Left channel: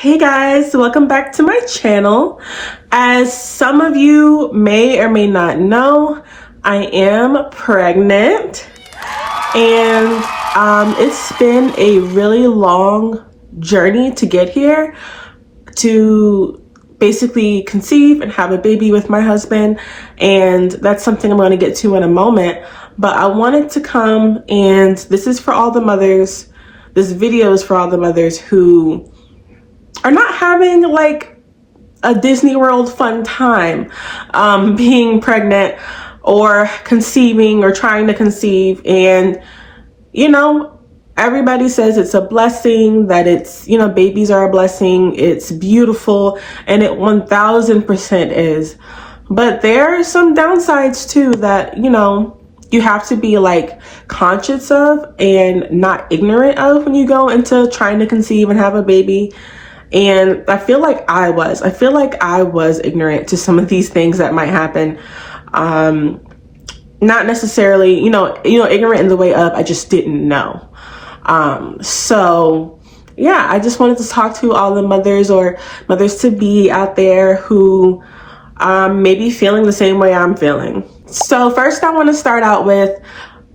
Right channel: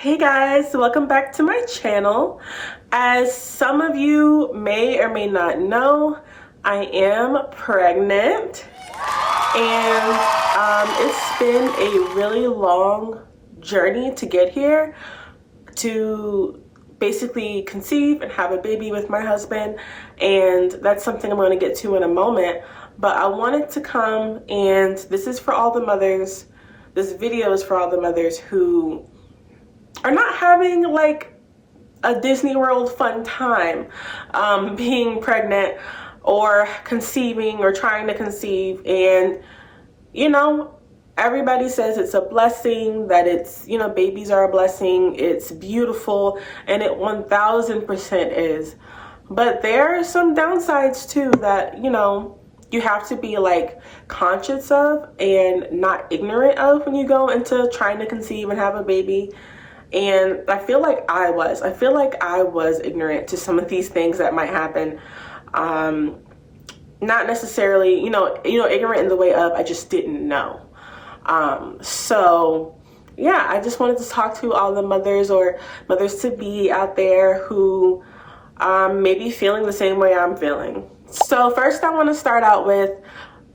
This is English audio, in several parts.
Hey guys, welcome back to my channel. As some of you may or may not know, I am pregnant and it's been a really long journey to get here, to basically conceive and have a baby with my husband, and that's something I'm going to get to in a moment. But I wanted to come, and this is for all the mothers, this video is for all the mothers who are not having like a Disney World fun time being pregnant or conceiving or trying to conceive. And everybody says it's a blessing, that it's, babies are a blessing, it's beautiful, and it 1000% is. But there are some downsides too that you have to be like conscious of and not ignorant of when you go into trying to conceive and have a baby. And I feel like I was ignorant to some of these things that might happen. Not necessarily, ignorant in the way of I just didn't know. So yeah, I just wanted to talk to all the mothers or mothers to be out there who may be feeling the same way I'm feeling. So first I want to start out with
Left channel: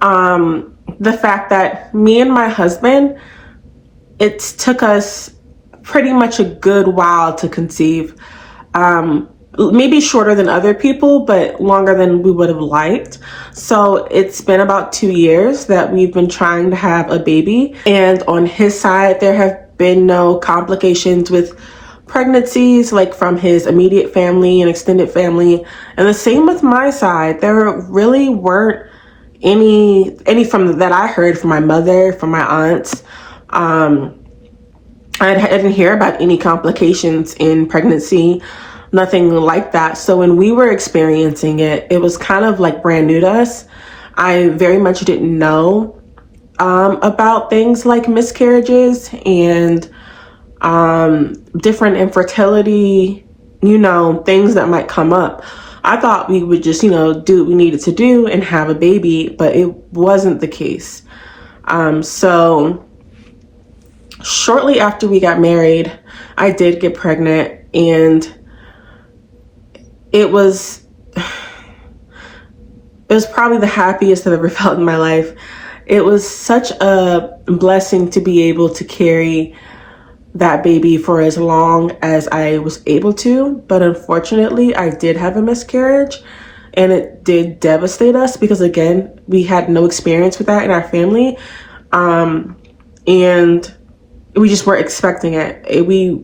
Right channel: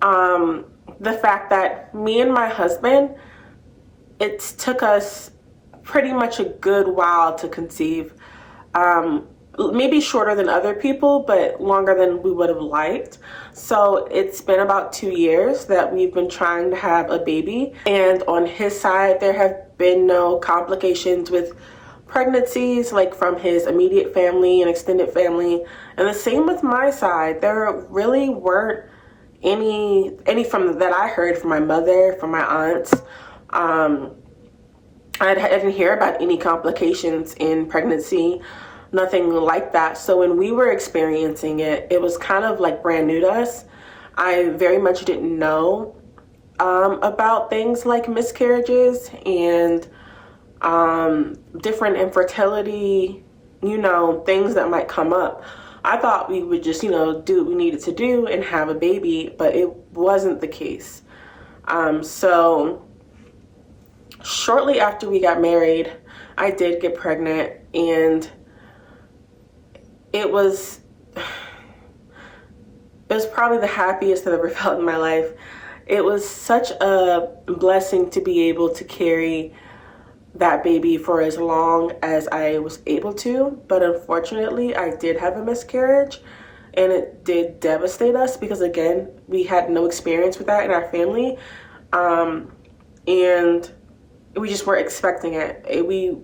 the fact that me and my husband, it took us pretty much a good while to conceive. Maybe shorter than other people, but longer than we would have liked. So it's been about 2 years that we've been trying to have a baby. And on his side, there have been no complications with pregnancies, like from his immediate family and extended family. And the same with my side. There really weren't any from that I heard from my mother, from my aunts. I didn't hear about any complications in pregnancy, nothing like that. So when we were experiencing it, it was kind of like brand new to us. I very much didn't know about things like miscarriages and different infertility, things that might come up. I thought we would just, do what we needed to do and have a baby, but it wasn't the case. So shortly after we got married, I did get pregnant, and it was probably the happiest I've ever felt in my life. It was such a blessing to be able to carry that baby for as long as I was able to. But unfortunately, I did have a miscarriage, and it did devastate us because, again, we had no experience with that in our family. And we just weren't expecting it. We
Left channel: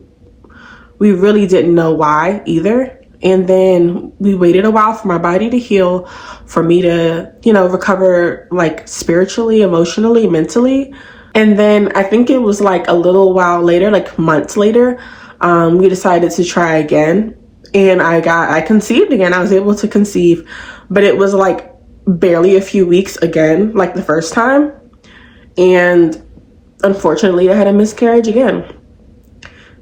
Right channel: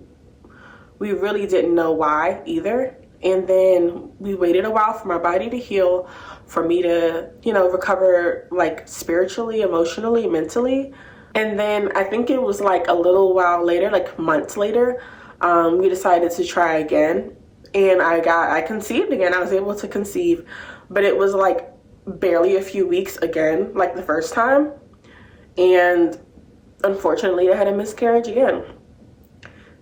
really didn't know why either. And then we waited a while for my body to heal, for me to, recover like spiritually, emotionally, mentally. And then I think it was like a little while later, like months later, we decided to try again. And I conceived again. I was able to conceive, but it was like barely a few weeks again, like the first time. And unfortunately, I had a miscarriage again.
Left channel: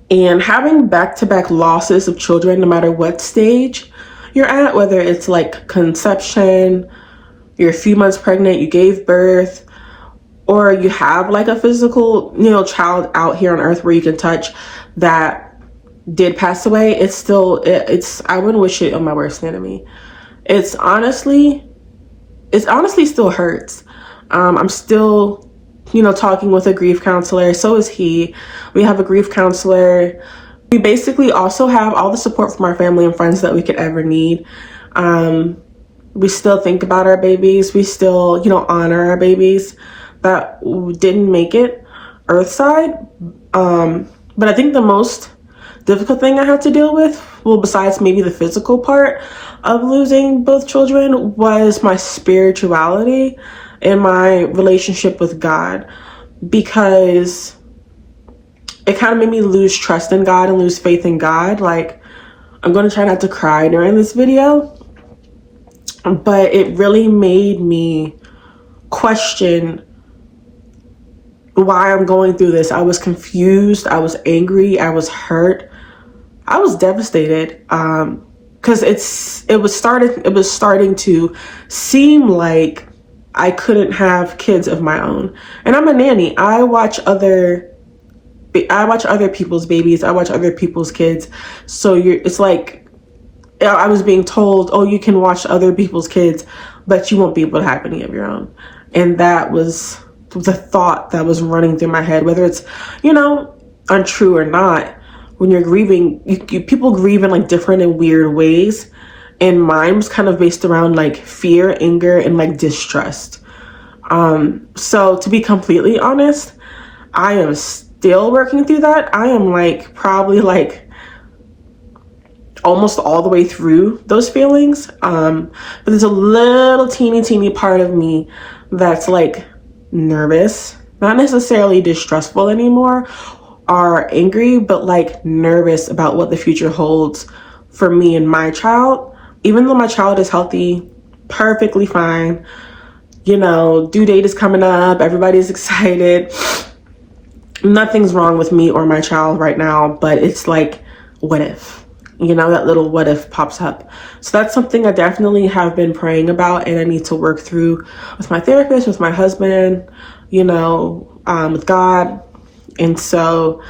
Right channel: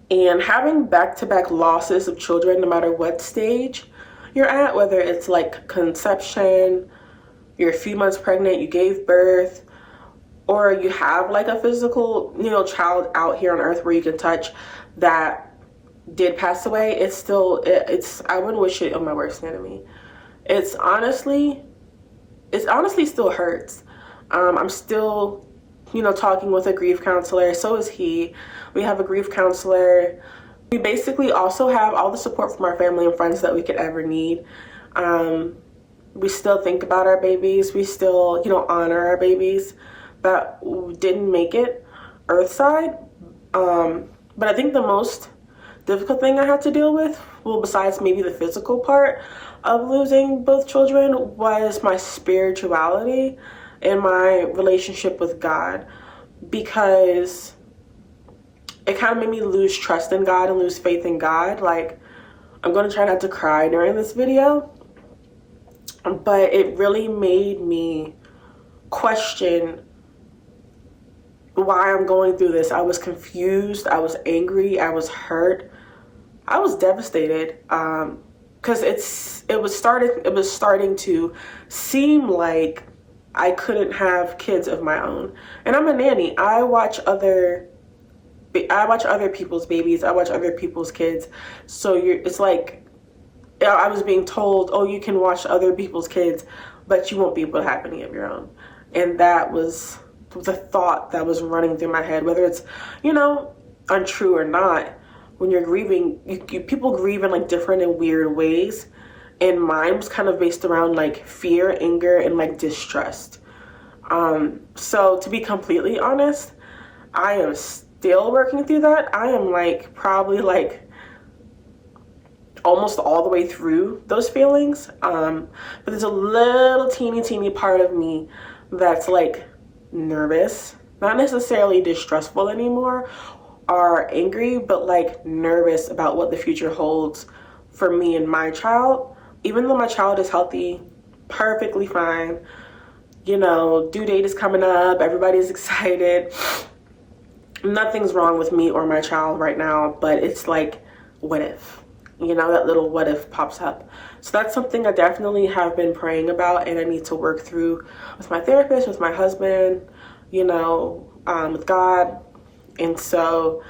And having back-to-back losses of children, no matter what stage you're at, whether it's like conception, you're a few months pregnant, you gave birth, or you have like a physical, child out here on earth where you can touch that did pass away, I wouldn't wish it on my worst enemy. It's honestly still hurts. I'm still talking with a grief counselor. So is he. We have a grief counselor. We basically also have all the support from our family and friends that we could ever need. We still think about our babies. We still, honor our babies that didn't make it earthside. But I think the most difficult thing I had to deal with, well, besides maybe the physical part of losing both children, was my spirituality and my relationship with God, because it kind of made me lose trust in God and lose faith in God. Like, I'm going to try not to cry during this video, but it really made me question why I'm going through this. I was confused. I was angry. I was hurt. I was devastated. Because it was starting to seem like I couldn't have kids of my own. And I'm a nanny. I watch other I watch other people's babies, I watch other people's kids. So it's like I was being told, oh, you can watch other people's kids, but you won't be able to have any of your own. And that was the thought that was running through my head, whether it's, untrue or not. When you're grieving, people grieve in like different and weird ways. And mine was kind of based around like fear, anger, and like distrust. So to be completely honest, I am still working through that. I am like probably like almost all the way through those feelings. But there's a little teeny part of me that's like nervous, not necessarily distrustful anymore or angry, but like nervous about what the future holds for me and my child. Even though my child is healthy, perfectly fine, due date is coming up, everybody's excited. Nothing's wrong with me or my child right now, but it's like, what if? That little what if pops up. So that's something I definitely have been praying about, and I need to work through with my therapist, with my husband, with God. And so,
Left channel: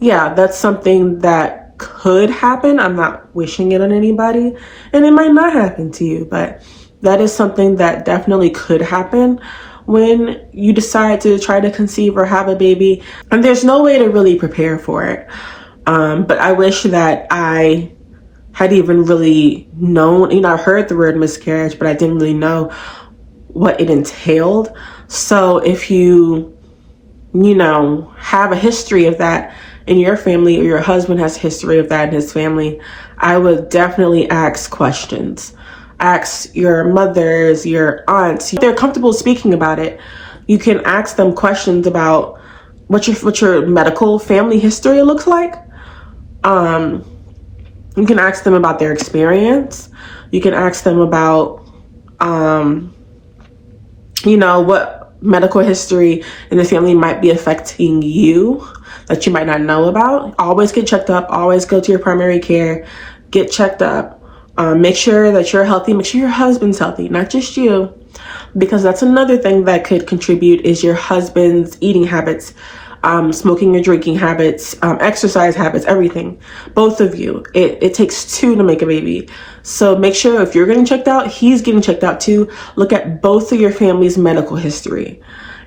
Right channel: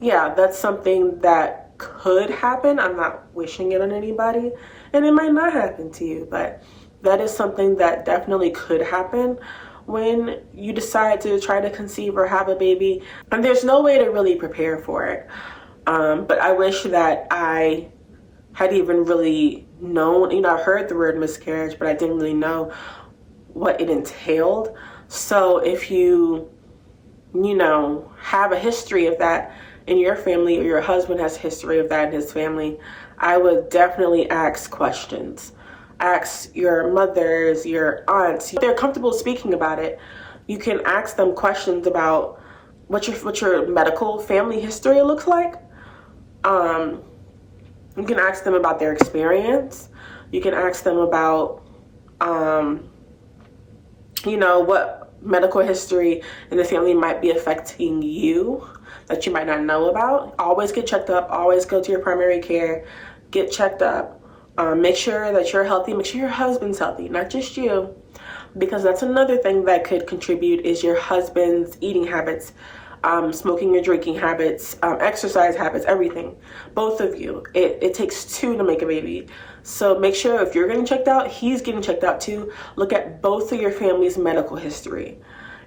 yeah, that's something that could happen. I'm not wishing it on anybody, and it might not happen to you, but that is something that definitely could happen when you decide to try to conceive or have a baby. And there's no way to really prepare for it. But I wish that I had even really known, I heard the word miscarriage, but I didn't really know what it entailed. So if you have a history of that in your family, or your husband has a history of that in his family, I would definitely ask questions. Ask your mothers, your aunts. If they're comfortable speaking about it, you can ask them questions about what your medical family history looks like. You can ask them about their experience. You can ask them about, what medical history in the family might be affecting you that you might not know about. Always get checked up. Always go to your primary care. Get checked up. Make sure that you're healthy. Make sure your husband's healthy, not just you, because that's another thing that could contribute is your husband's eating habits, smoking or drinking habits, exercise habits, everything. Both of you. It takes two to make a baby. So make sure if you're getting checked out, he's getting checked out too. Look at both of your family's medical history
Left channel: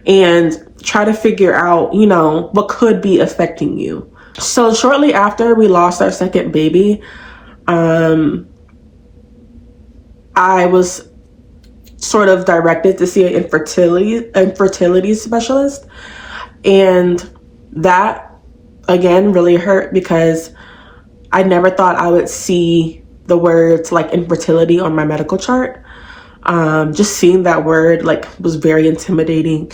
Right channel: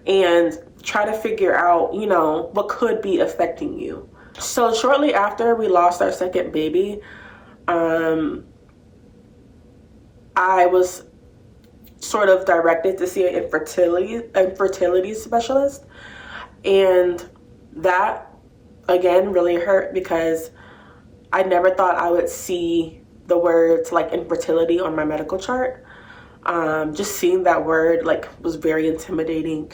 and try to figure out, what could be affecting you. So shortly after we lost our second baby, I was sort of directed to see an infertility specialist. And that, again, really hurt because I never thought I would see the words like infertility on my medical chart. Just seeing that word was very intimidating,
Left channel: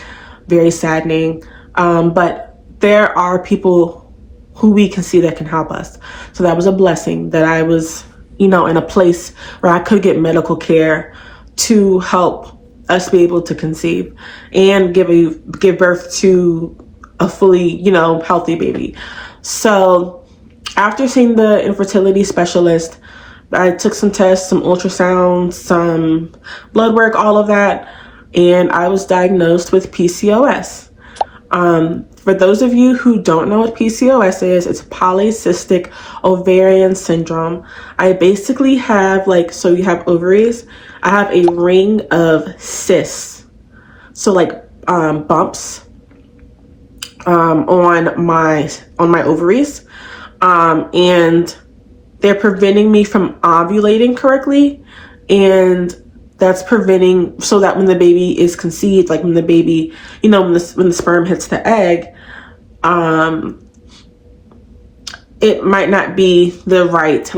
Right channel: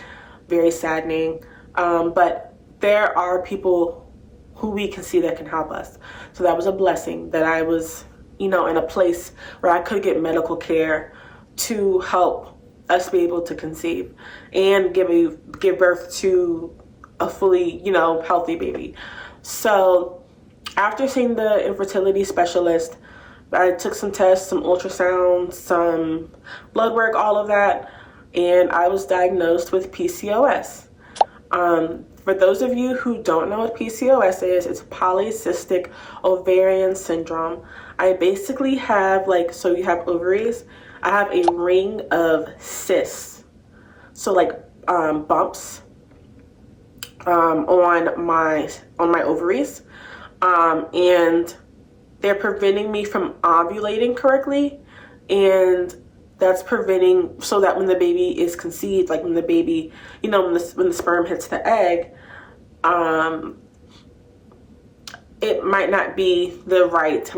very saddening. But there are people who we can see that can help us. So that was a blessing that I was, in a place where I could get medical care to help us be able to conceive and give birth to a fully, healthy baby. So after seeing the infertility specialist, I took some tests, some ultrasounds, some blood work, all of that, and I was diagnosed with PCOS. For those of you who don't know what PCOS is, it's polycystic ovarian syndrome. I basically have so you have ovaries. I have a ring of cysts. So bumps on my ovaries. And they're preventing me from ovulating correctly. And that's preventing so that when the baby is conceived, when the baby, when the sperm hits the egg, it might not be the right,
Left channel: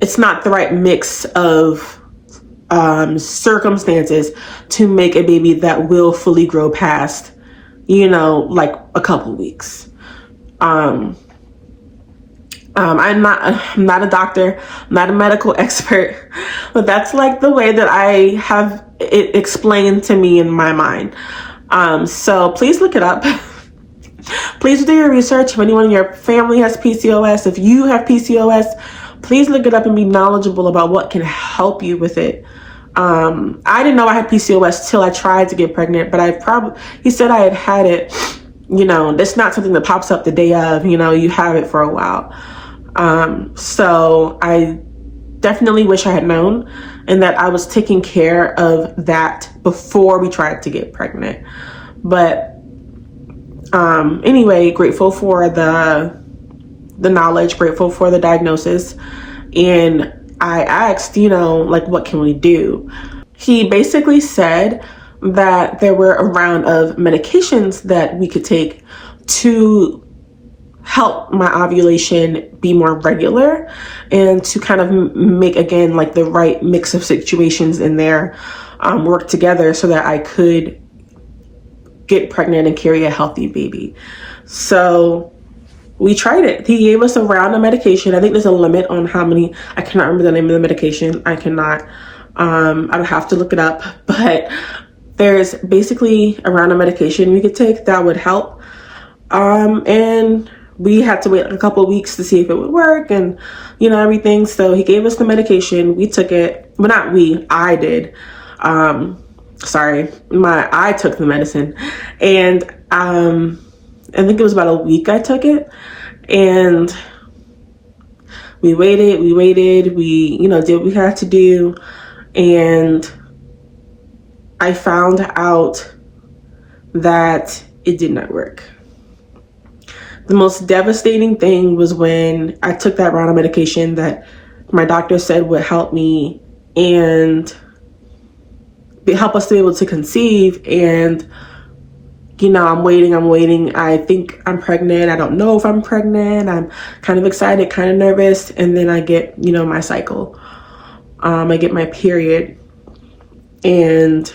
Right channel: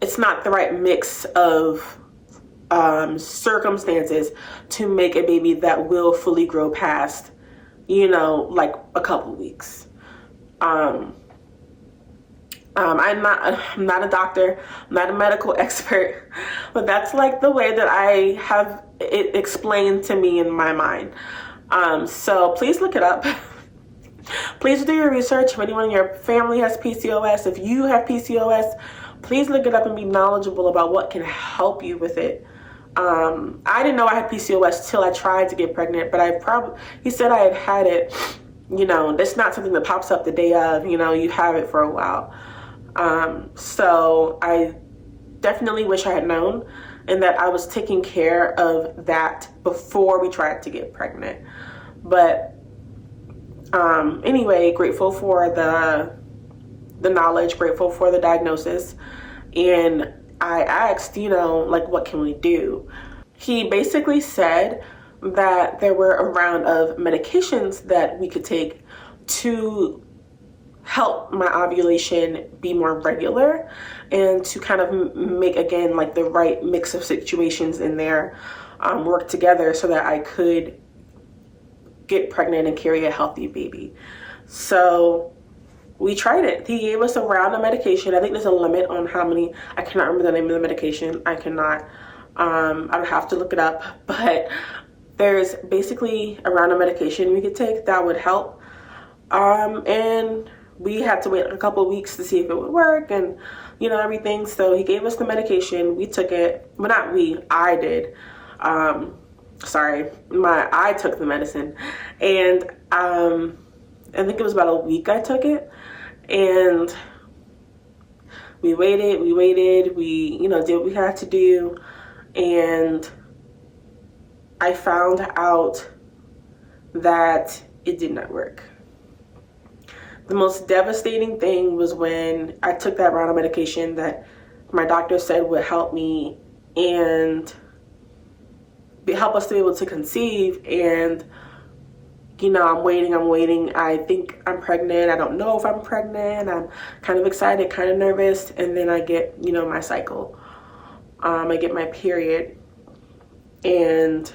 it's not the right mix of circumstances to make a baby that will fully grow past, a couple weeks. I'm not a doctor, I'm not a medical expert, but that's the way that I have it explained to me in my mind. So please look it up. Please do your research. If anyone in your family has PCOS, if you have PCOS, please look it up and be knowledgeable about what can help you with it. I didn't know I had PCOS till I tried to get pregnant, but he said I had it that's not something that pops up the day of, you have it for a while. So I definitely wish I had known, and that I was taking care of that before we tried to get pregnant. But anyway, grateful for the knowledge, grateful for the diagnosis. And I asked, like, what can we do? He basically said that there were a round of medications that we could take to help my ovulation be more regular, and to kind of make, again, like the right mix of situations in there work together so that I could get pregnant and carry a healthy baby. So we tried it. He gave us a round of medication. I think there's a limit on how many. I cannot remember the name of the medication. I cannot. I don't have to look it up, but there's basically a round of medication we could take that would help. And we had to wait a couple of weeks to see if it would work and, everything. So he gave us the medication. We took it. Well, not we, I did. I took the medicine, and I think it was about a week I took it, and we waited, we did what we had to do, and I found out that it did not work. The most devastating thing was when I took that round of medication that my doctor said would help me and help us to be able to conceive. And, I'm waiting. I think I'm pregnant. I don't know if I'm pregnant. I'm kind of excited, kind of nervous. And then I get, my cycle. I get my period. And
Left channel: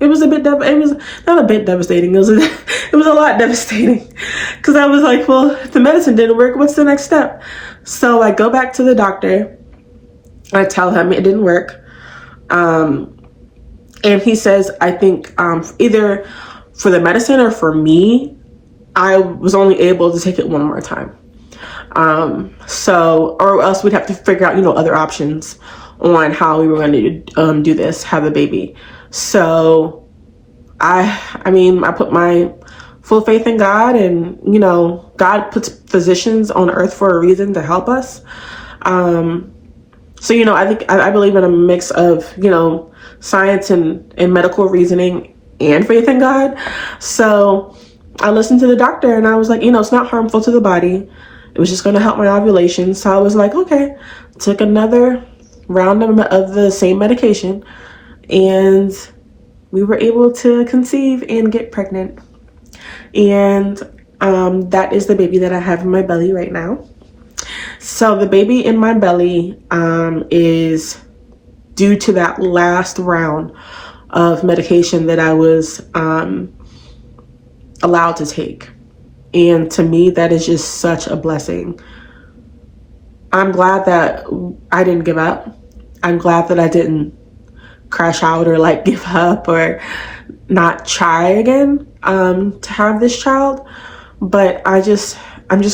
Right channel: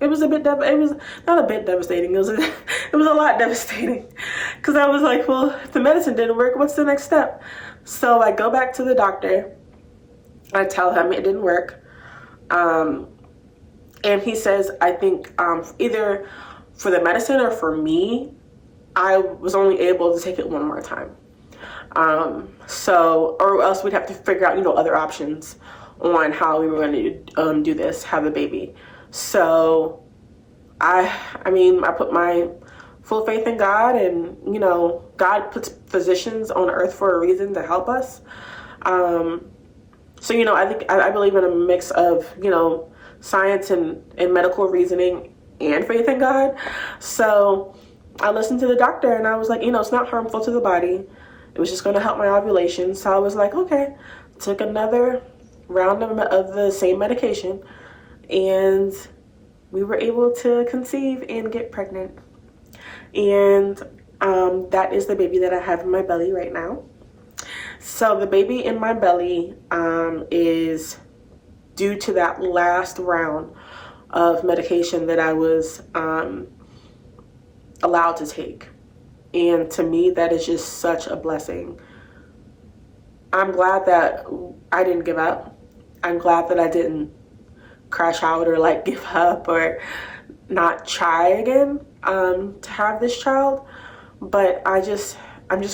it was it was not a bit devastating. It was a lot devastating, because I was like, well, if the medicine didn't work, what's the next step? So I go back to the doctor. I tell him it didn't work. And he says, I think either for the medicine or for me, I was only able to take it one more time. Or else we'd have to figure out, other options on how we were going to do this, have the baby. So I put my full faith in God, and, God puts physicians on earth for a reason to help us. So, I believe in a mix of, science and medical reasoning and faith in God. So I listened to the doctor, and I was like, it's not harmful to the body. It was just going to help my ovulation. So I was like, okay, took another round of the same medication, and we were able to conceive and get pregnant. And that is the baby that I have in my belly right now. So the baby in my belly is due to that last round of medication that I was allowed to take. And to me, that is just such a blessing. I'm glad that I didn't give up. I'm glad that I didn't crash out or like give up or not try again to have this child. But I'm just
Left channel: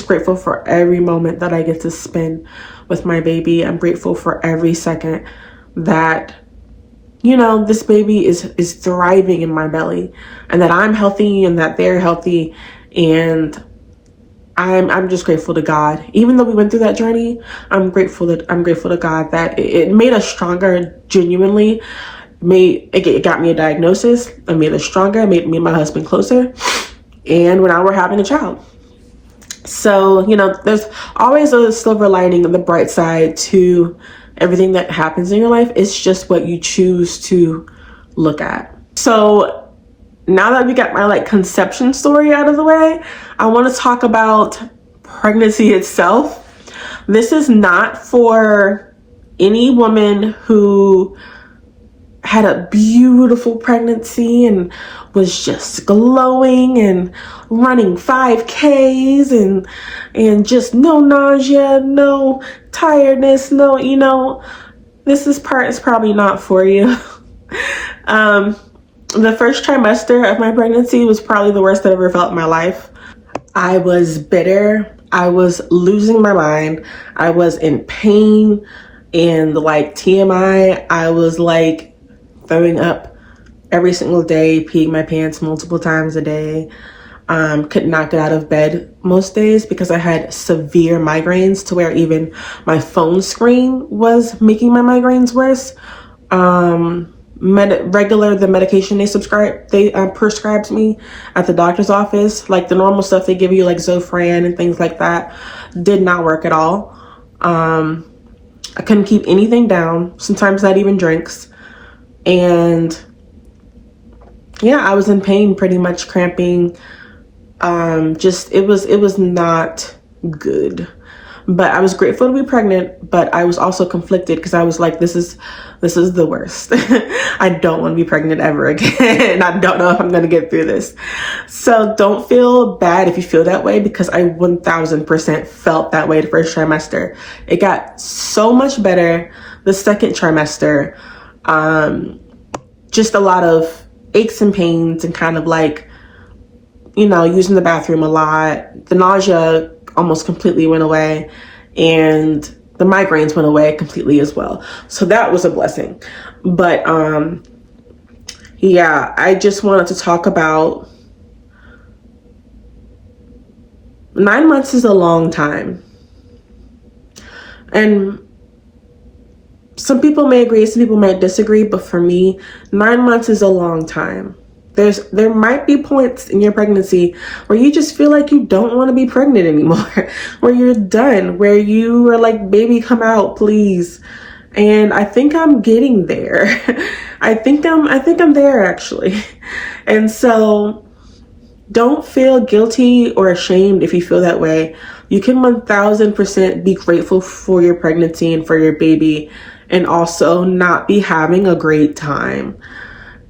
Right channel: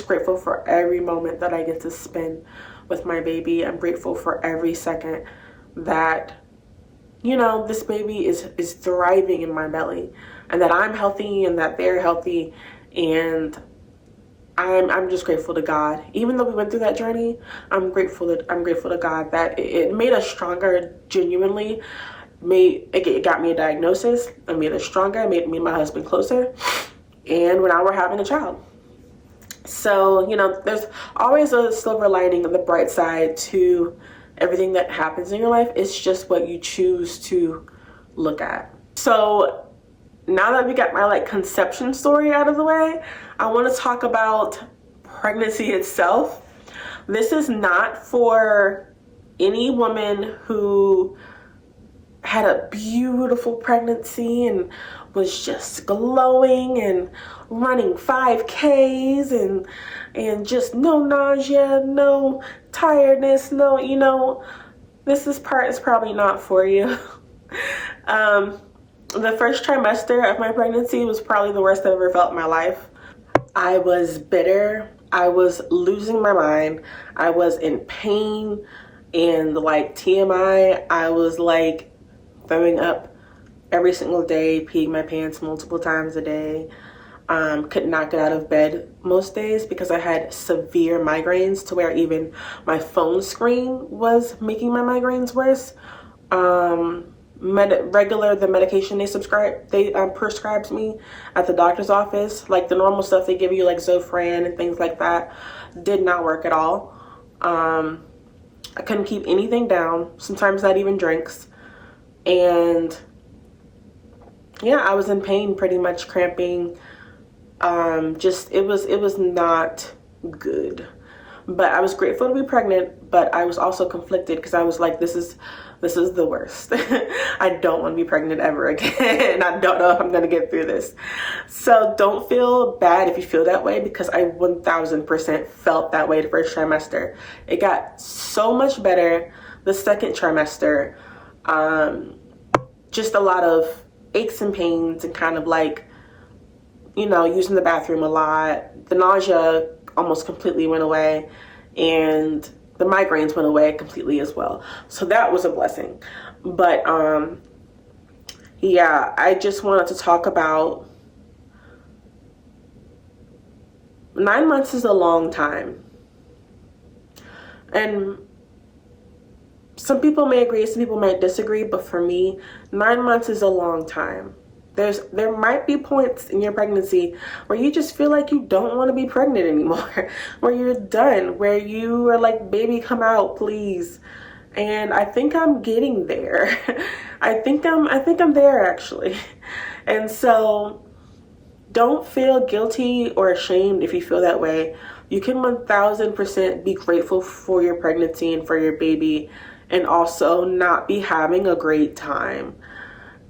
grateful for every moment that I get to spend with my baby. I'm grateful for every second that, this baby is thriving in my belly, and that I'm healthy and that they're healthy. And I'm just grateful to God. Even though we went through that journey, I'm grateful to God that it made us stronger. Genuinely, it got me a diagnosis. It made us stronger. It made me and my husband closer. And now we're having a child. So, there's always a silver lining on the bright side to everything that happens in your life. It's just what you choose to look at. So now that we got my conception story out of the way, I want to talk about pregnancy itself. This is not for any woman who had a beautiful pregnancy and was just glowing and running 5Ks and just no nausea, no tiredness, this part is probably not for you. The first trimester of my pregnancy was probably the worst I've ever felt in my life. I was bitter. I was losing my mind. I was in pain, and TMI, I was throwing up every single day, peeing my pants multiple times a day. Could not get out of bed most days because I had severe migraines to where even my phone screen was making my migraines worse. The medication they prescribed me at the doctor's office, like the normal stuff they give you, like Zofran and things like that, did not work at all. I couldn't keep anything down, sometimes not even drinks. And yeah, I was in pain, pretty much cramping. It was not good. But I was grateful to be pregnant, but I was also conflicted because I was like, this is the worst. I don't want to be pregnant ever again. I don't know if I'm going to get through this. So don't feel bad if you feel that way, because I 1000% felt that way the first trimester. It got so much better the second trimester. Just a lot of aches and pains and kind of like, using the bathroom a lot. The nausea almost completely went away, and the migraines went away completely as well. So that was a blessing. But yeah, I just wanted to talk about 9 months is a long time. And some people may agree, some people might disagree, but for me, 9 months is a long time. There might be points in your pregnancy where you just feel like you don't want to be pregnant anymore, where you're done, where you are like, baby, come out, please. And I think I'm getting there. I think I'm there actually. And so don't feel guilty or ashamed if you feel that way. You can 1000% be grateful for your pregnancy and for your baby, and also not be having a great time.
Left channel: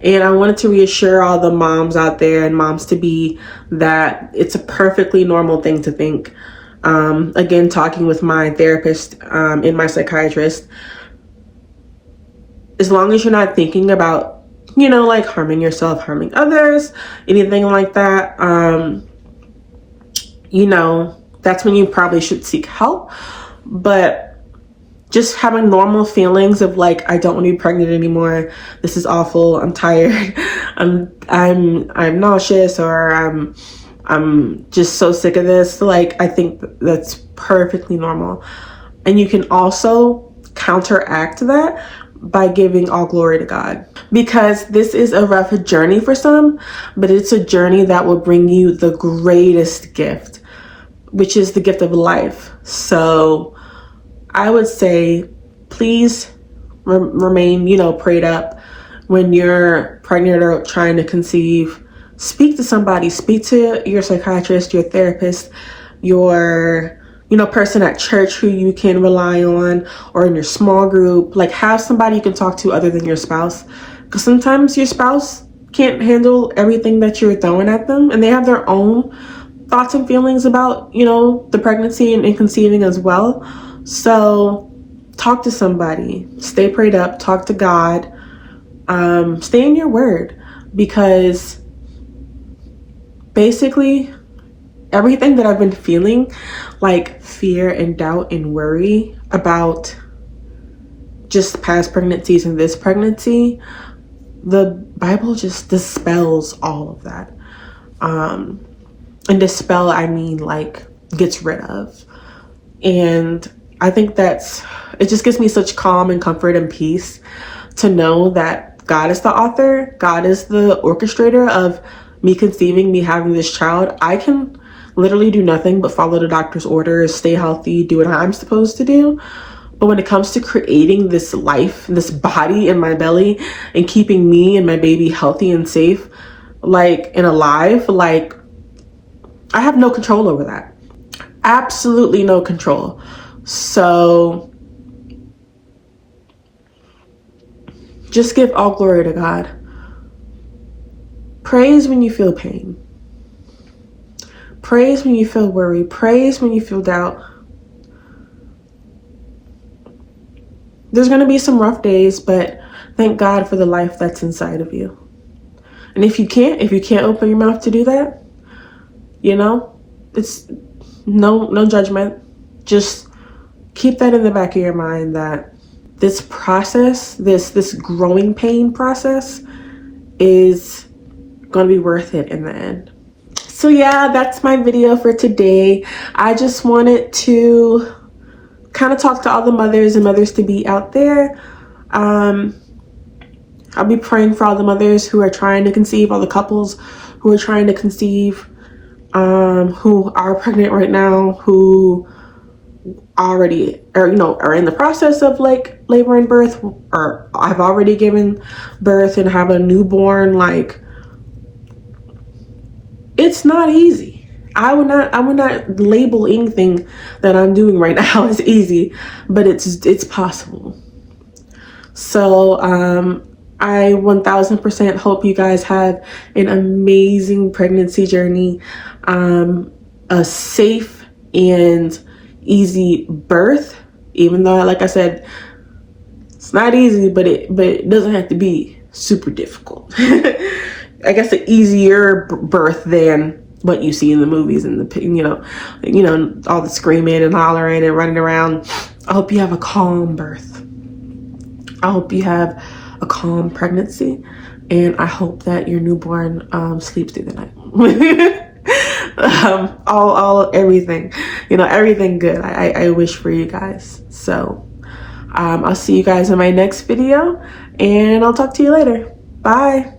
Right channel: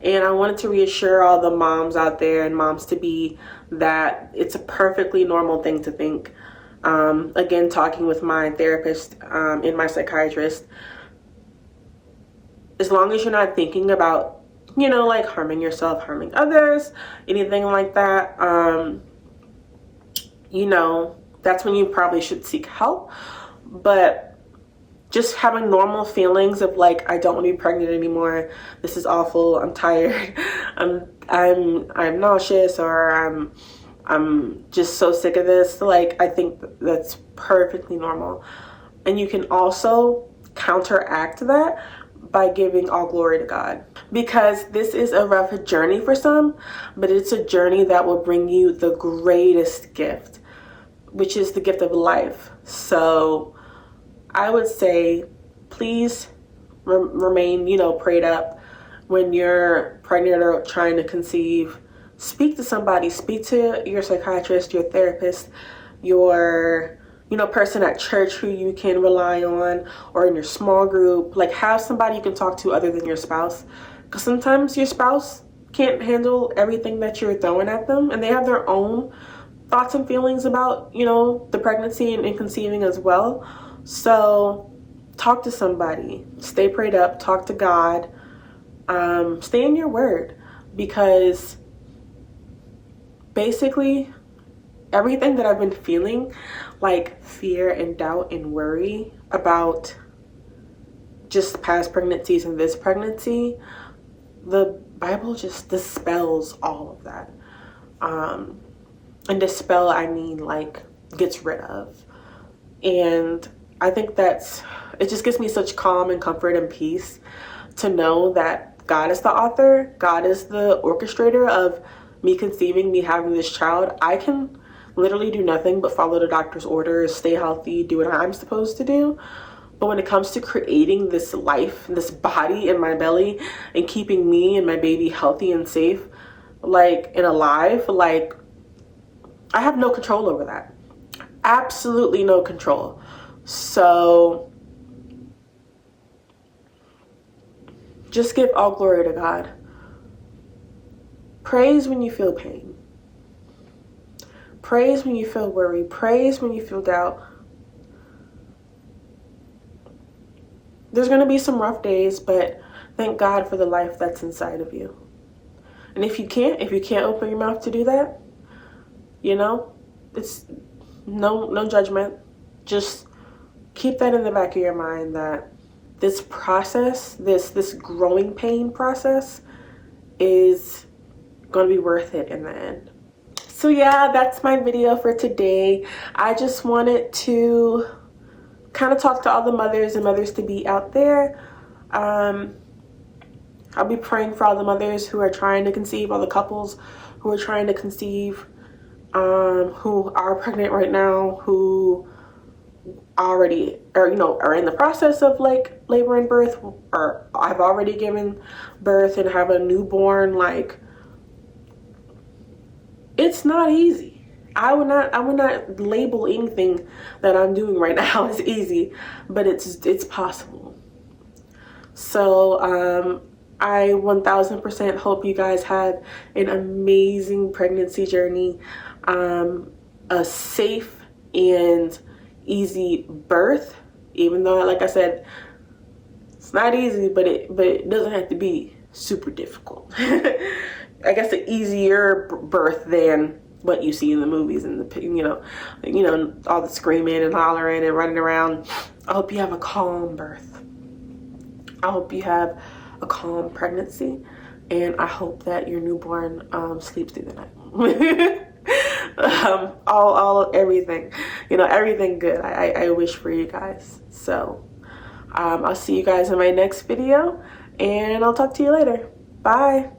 And I wanted to reassure all the moms out there and moms to be that it's a perfectly normal thing to think. Again, talking with my therapist and my psychiatrist, as long as you're not thinking about, like harming yourself, harming others, anything like that, that's when you probably should seek help. But just having normal feelings of like, I don't want to be pregnant anymore. This is awful. I'm tired. I'm nauseous, or I'm just so sick of this. Like, I think that's perfectly normal. And you can also counteract that by giving all glory to God, because this is a rough journey for some, but it's a journey that will bring you the greatest gift, which is the gift of life. So I would say, please remain, prayed up when you're pregnant or trying to conceive. Speak to somebody. Speak to your psychiatrist, your therapist, your, person at church who you can rely on, or in your small group. Like, have somebody you can talk to other than your spouse, because sometimes your spouse can't handle everything that you're throwing at them, and they have their own thoughts and feelings about, the pregnancy and conceiving as well. So talk to somebody, stay prayed up, talk to God, stay in your word, because basically everything that I've been feeling, like fear and doubt and worry about just past pregnancies and this pregnancy, the Bible just dispels all of that. And dispel, I mean like gets rid of. And I think it just gives me such calm and comfort and peace to know that God is the author, God is the orchestrator of me conceiving, me having this child. I can literally do nothing but follow the doctor's orders, stay healthy, do what I'm supposed to do. But when it comes to creating this life, this body in my belly, and keeping me and my baby healthy and safe, like, and alive, like, I have no control over that. Absolutely no control. So just give all glory to God. Praise when you feel pain. Praise when you feel worry. Praise when you feel doubt. There's going to be some rough days, but thank God for the life that's inside of you. And if you can't open your mouth to do that, it's no judgment. Just keep that in the back of your mind, that this process, this growing pain process, is going to be worth it in the end. So yeah, that's my video for today. I just wanted to kind of talk to all the mothers and mothers to be out there. I'll be praying for all the mothers who are trying to conceive, all the couples who are trying to conceive, who are pregnant right now, who already are in the process of like labor and birth, or I've already given birth and have a newborn. Like, it's not easy. I would not label anything that I'm doing right now as easy, but it's possible. So I 1000% hope you guys have an amazing pregnancy journey, a safe and easy birth, even though, like I said, it's not easy, but it doesn't have to be super difficult. I guess an easier birth than what you see in the movies and the all the screaming and hollering and running around. I hope you have a calm birth. I hope you have a calm pregnancy, and I hope that your newborn sleeps through the night. Everything, everything good. I wish for you guys. So I'll see you guys in my next video, and I'll talk to you later. Bye.